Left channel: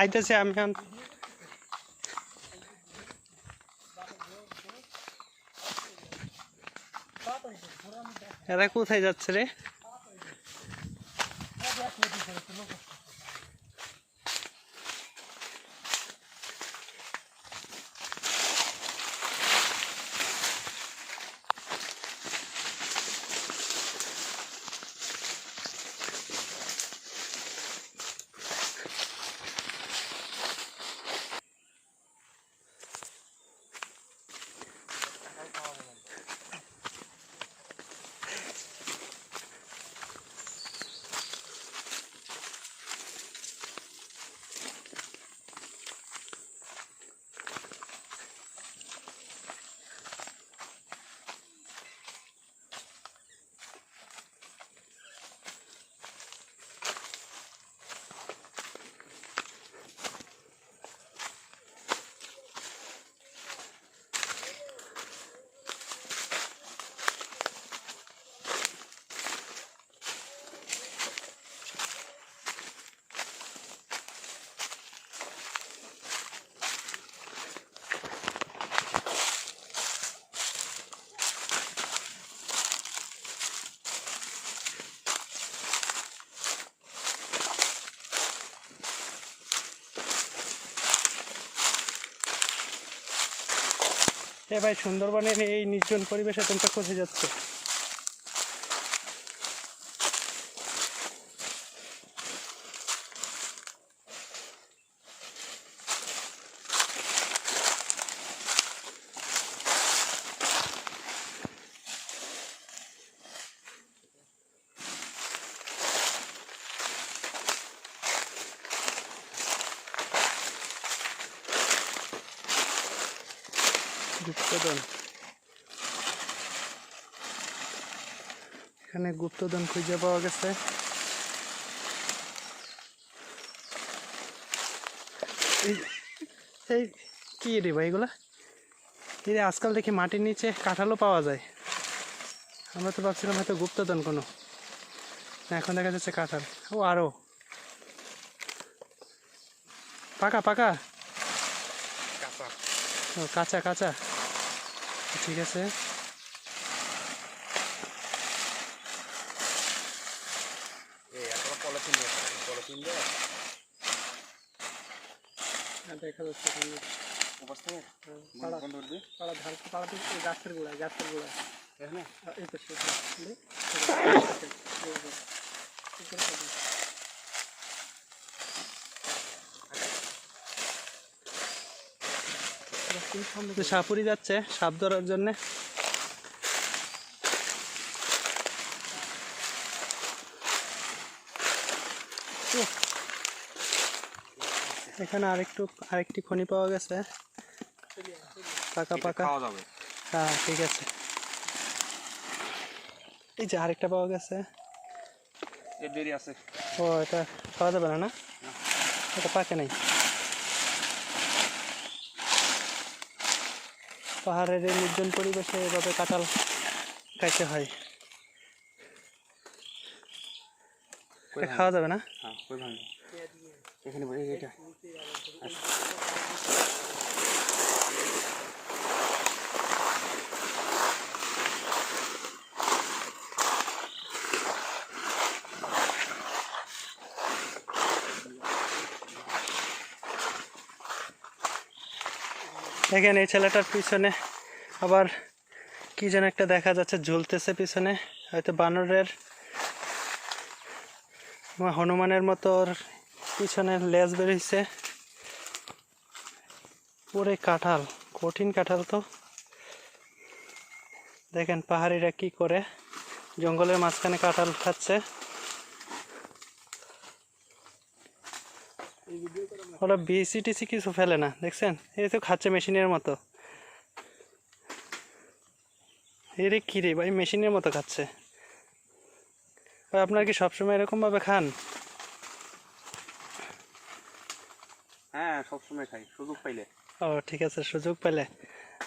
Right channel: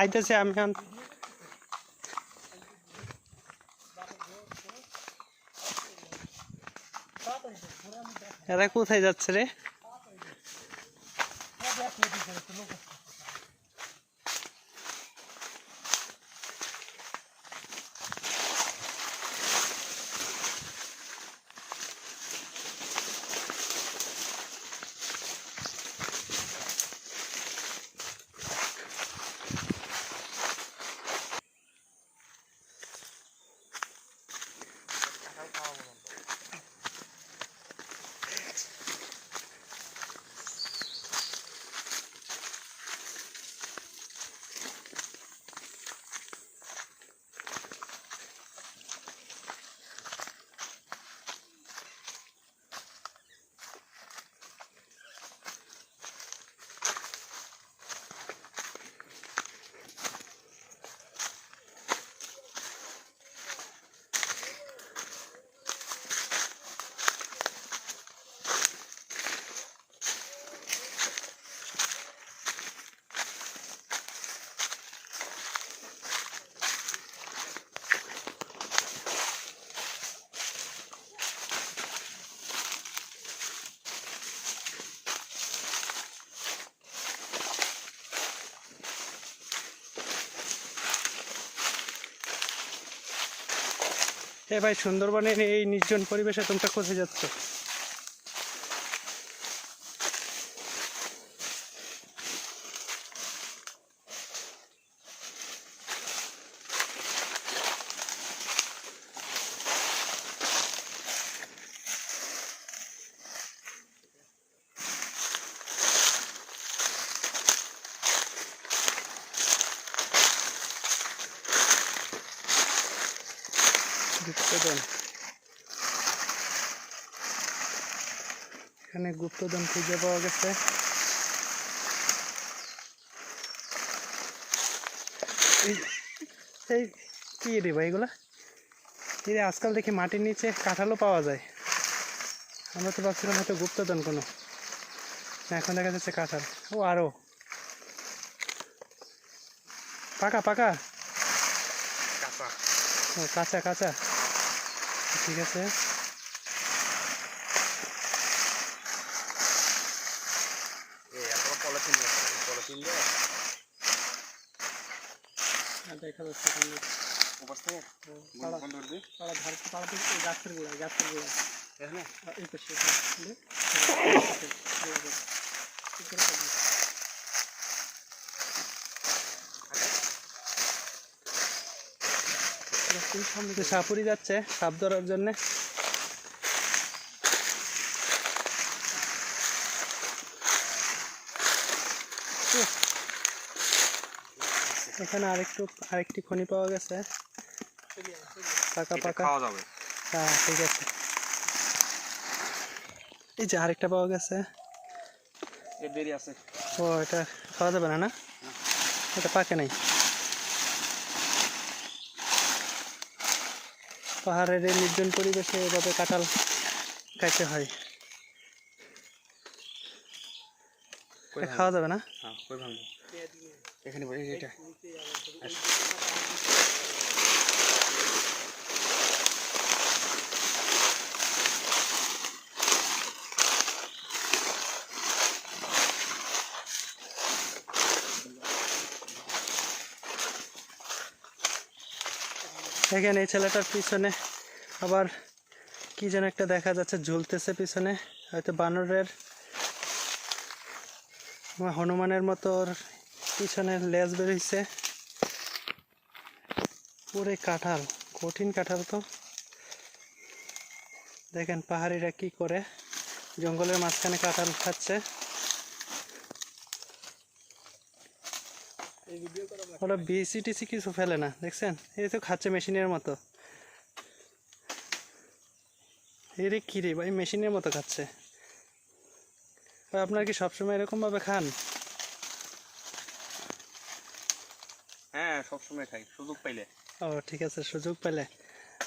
আইতেছে আমি এরা কোথায় যাচ্ছে রে? এ ভাই, সুন্দরবনের এই নির্জন পরিবেশে তোমরা কোথায় যাচ্ছ? গুপ্তধন, এখানে গুপ্তধন খুঁজে পাওয়া গেছে। এই কি রে ভাই এগুলা? এই আজকাল দেখি মাটির নিচে কাঁঠালও পাওয়া যায়। আমরা তো ভাবছিলাম হয়তো গুপ্তধন কোনো, এখন দেখা যাচ্ছে কাঁঠাল। ও আরো পাকা পাকা, ও কাঁচা কাঁচা, ঠিক আছে। দেখা যাচ্ছে গাছের গোড়া, গাছের গোড়া সাপুরি যাচ্ছে সাপ ধরার জন্যে। এখানে আরেকটি খনি পাওয়া গেছে, পাকা পাকা। হ্যাঁ ঠিক আছে। এই যে আরেকটা পাওয়া গেছে। ও এটা পাওয়া যাবে না, না এটা পাকে নাই। পাহাড়ের এই নির্জন পরিবেশে এভাবে কাঁঠাল খাইতে হয়। খাওয়া যাবে না। এখানে এটা এখানে এই ছেলেটার পিছনে আবার কি যেন একটা দেখা যাচ্ছে ঝুলতেছে পিছনে, হয়তো বানরের হনুমানের মতো পিছনের লেজ বেরিয়েছে। পুরো কাঁঠাল, কঠিন কাঁঠাল। তো দেখেন পাহাড়িরা কি করে, জঙ্গলের মাঝখানে কাঁঠাল খাচ্ছে। ওরা বিসি টিসি কিছু ফেলে না, দেখছেন? এই তো খাচ্ছে মেশিনের মতো। এরে কি রে ভাই, মেশিনের মতো খাচ্ছে। আপনারা কি সবসময় এরকম ভাবে খান? হ্যাঁ সবসময় খাই, সুযোগ পাইলে। ও ঠিক আছে, সুযোগ পেলে।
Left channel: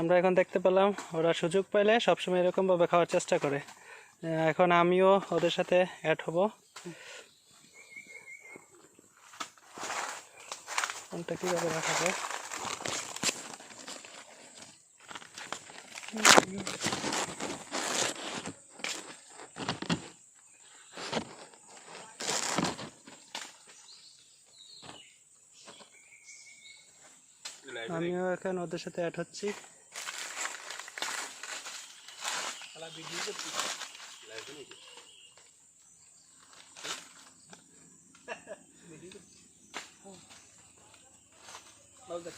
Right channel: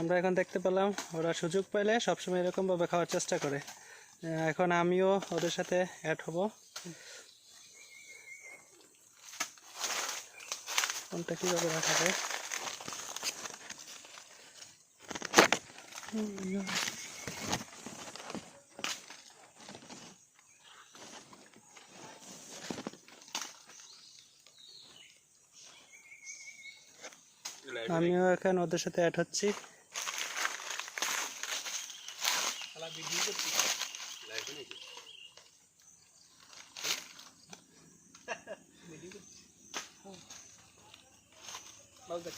আমরা এখন দেখতে পেলাম ওরা সুযোগ পাইলে সবসময় এরকম ভাবে খাওয়ার চেষ্টা করে। এখন আমিও ওদের সাথে অ্যাড হব। কোনটা কীভাবে রাখা যায়। আমিও এখন ওদের সাথে অ্যাড হচ্ছি।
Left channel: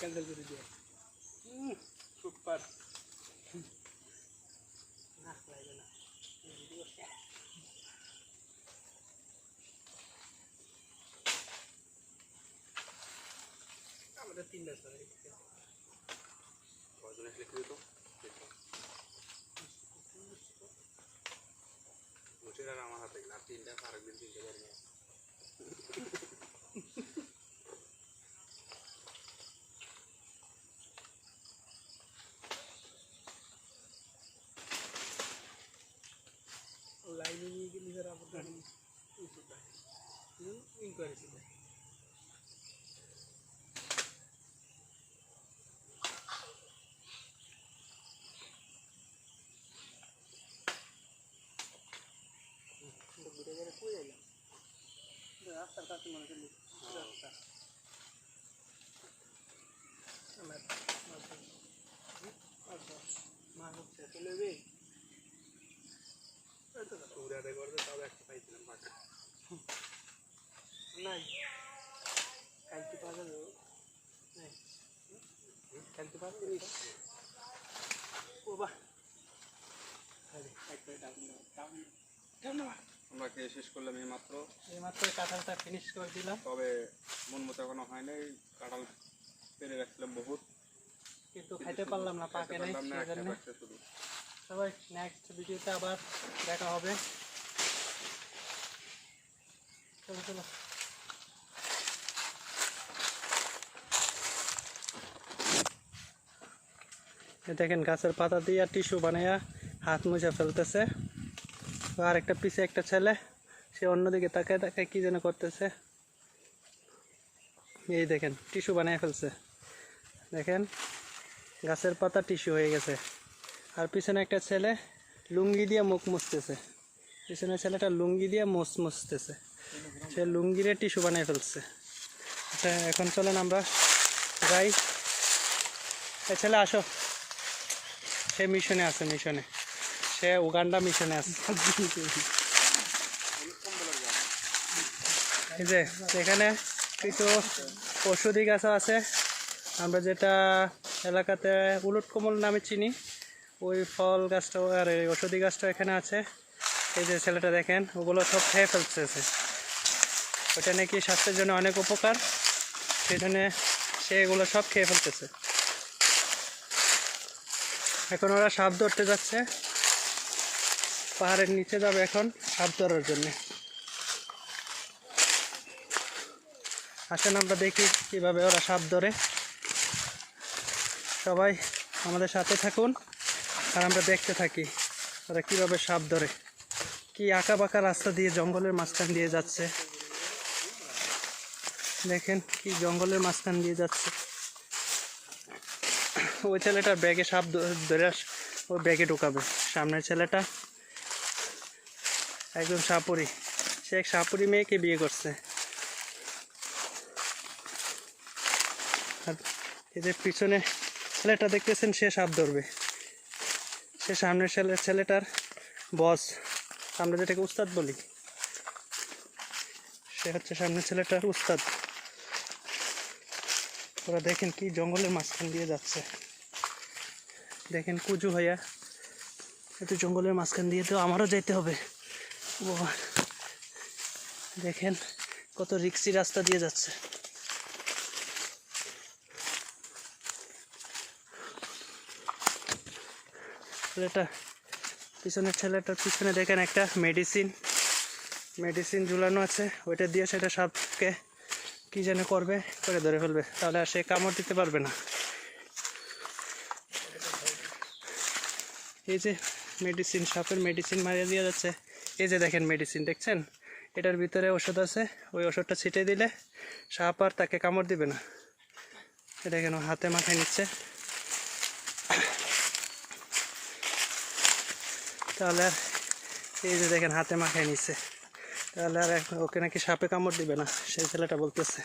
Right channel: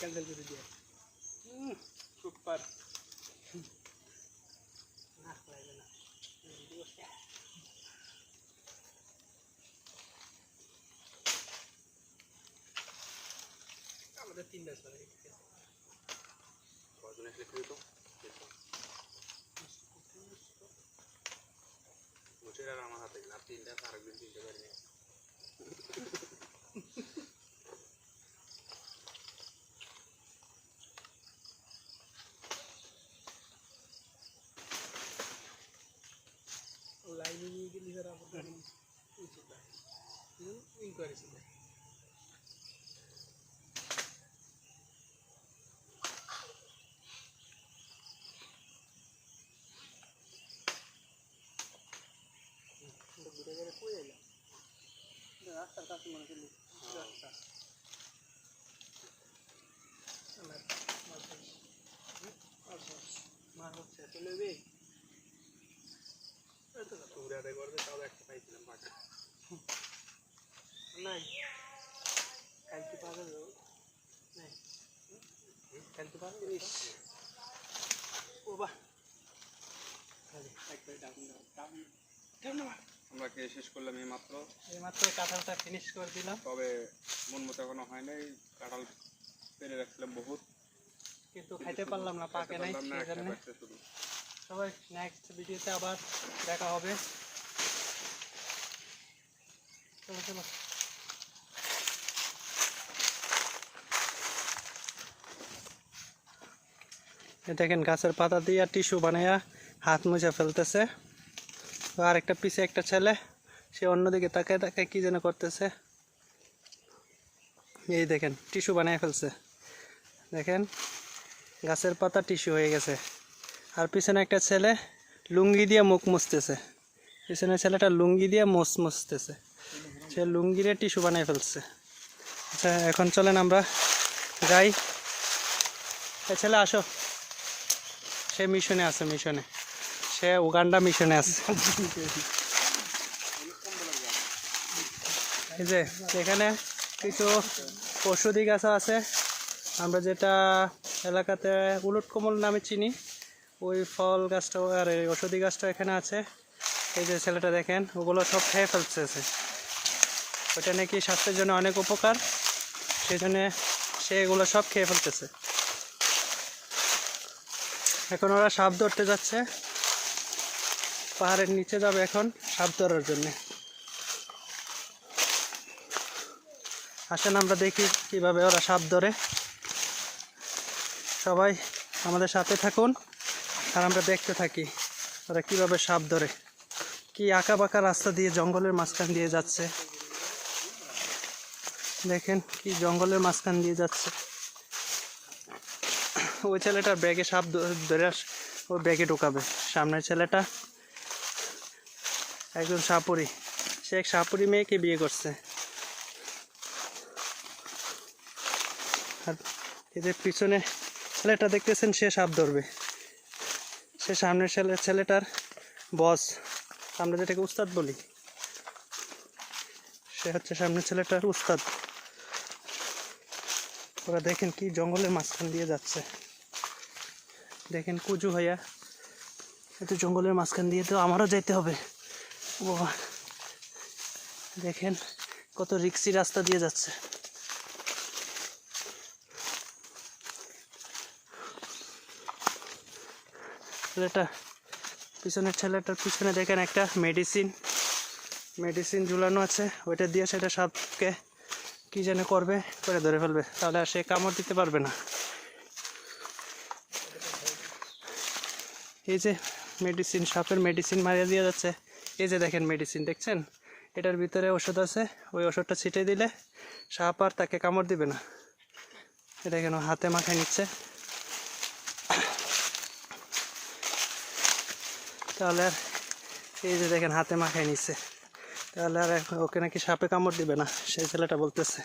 ক্যান্সেল করে দিয়ে সুপার আমাদের 3 ম্যাচ করে কয়জন আসলে কি হতো মুছের আর আমার হাতে না 3টা আরেকদিন 3টা বের নিয়ে লাইনে নিয়ে গেলে যারা আপনার ইনকোয়ারি ছিল রাস্তার কাছে মনে করলি রাস্তা মা হচ্ছে চলে যাবে উড়াতে করবে তাও একটা পাইছিলাম পাকা নাই কালকে পাওয়া যাবে নাই কালকে পাওয়া যাবে ও বাহ আমরা খেয়ে শেষ করলাম এইমাত্র কাঁঠালটা ফিনিশ করে দিলাম। তবে মন মতো এখনো হয় নাই, কাঁঠাল পেরে রাখছিলাম বহুত, কিন্তু খাইতে পারলাম না, পাকে নাই। শুধু সবাই নেক্সট ভিডিওতে আবার দেখা হবে। চলো চলো। দেখেন গাছের পাতা দিয়ে টিস্যু বানাইয়া হাত মুছে ফেলতেছে। আর একটা পিছে একটা ছেলে, সে অন্যদিকে তাকায় তাকায় কি যেন করতেছে। এই দেখেন টিস্যু বানিয়ে ফেলছে, দেখেন গাছের পাতা টিস্যু হয়ে গেছে। আর পিছনে একটা ছেলে লুঙ্গি দিয়ে মুখ মুছতেছে, পিছনে ছেলেটা লুঙ্গি দিয়ে মুছতেছে, সে লুঙ্গি দিয়ে টিস্যু বানিয়ে ফেলছে। আচ্ছা এখন চলেন আমরা যাই। এই ছেলে আসো, সে মিশনে আছে, মিশনে, সে উগান্ডা মিশনে আছে। এই যে এখানে কিছু ঔষধি গাছও আছে, আমরা যেটা এলাকাতে উলট কমল নামে চিনি, ওই ফল গাছটাও আর এই ঔষধি গাছটাও এখানে আছে। এই যে ছেলেটা দেখেন ওগুলো সব খেয়ে ফেলছে, ওটা নাকি স্বাস্থ্যের জন্য অনেক উপকার, সেই জন্য সে এগুলো সব খেয়ে ফেলতেছে। এখন ওরা সাপ ধরতে যাচ্ছে, পাহাড়ের নিচে যাবে এখন সাপ ধরার জন্যে। আসেন আমরা দেখি কিভাবে ওরা সাপ ধরে। সবাই আমাদের সাথে থাকুন আর আমরা দেখতে থাকি ওরা কিভাবে সাপ ধরে। কি আঁকা বাঁকা রাস্তা দিয়ে জঙ্গলের মাঝখান দিয়ে যাচ্ছে, দেখেন কি জঙ্গলের মাঝখান দিয়ে যাচ্ছে। ওই ছেলেটার ব্যাগে সাপ ধরে ওর ব্যাগে ঢুকাবে। সামনের ছেলেটা একজন সাপুরি, সে এক সাপুরি মেয়েকে বিয়ে করছে। আর এদের পিছনে ছেলেটা দেখতেছেন, সে সাপ ধরবে, সে সামনের ছেলেটার বস, আমরা যেটাকে উস্তাদ বলি, সে হচ্ছে সামনের ছেলেটার উস্তাদ। ওরা দেখেন কি জঙ্গলের মাঝখান দিয়ে যাচ্ছে, দেখেন কুজু ভাইয়া, এত জঙ্গলের মাঝখান দিয়ে তো আমারও যেতে হবে। বাবা দেখেন কত রিক্সি রাস্তা দিয়ে যাচ্ছে। ছেলেটা পিছনের ছেলেটার পিছনে দেখেন একটা মেডিসিন ঝুলানো আছে, ওইটা দিয়ে সেটা সাপকে কি যেন করবে, করে ধরে ফেলবে, তাহলে আর সে কামড় দিতে পারবে না। এই যে মেডিসিন, সাপের মেডিসিন মারিয়ে দিয়ে যাচ্ছে। এই যে দেখেন মেডিসিন দেখছেন, এটার ভিতরে ওষুধ আছে, ওই ওষুধটা ছিটে দিলে সাপ আর তাকে কামড় দিবে না। এটা কেন হাতে মাখায় নিচ্ছে। তাহলে আর এই যে দেখেন হাতে মাখায় নিচ্ছে, তাহলে আর ওকে নাকি সাপে কামড় দিবে না, সেই ছেলেটা বলতেছে।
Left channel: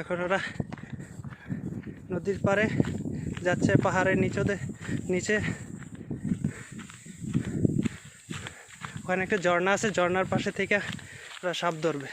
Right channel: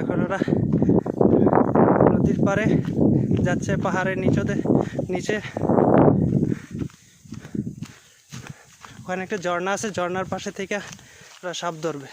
এখন ওরা নদীর পাড়ে যাচ্ছে, পাহাড়ের নিচে ওখানে একটা ঝর্ণা আছে, ঝর্ণার পাশে থেকে ওরা সাপ ধরবে।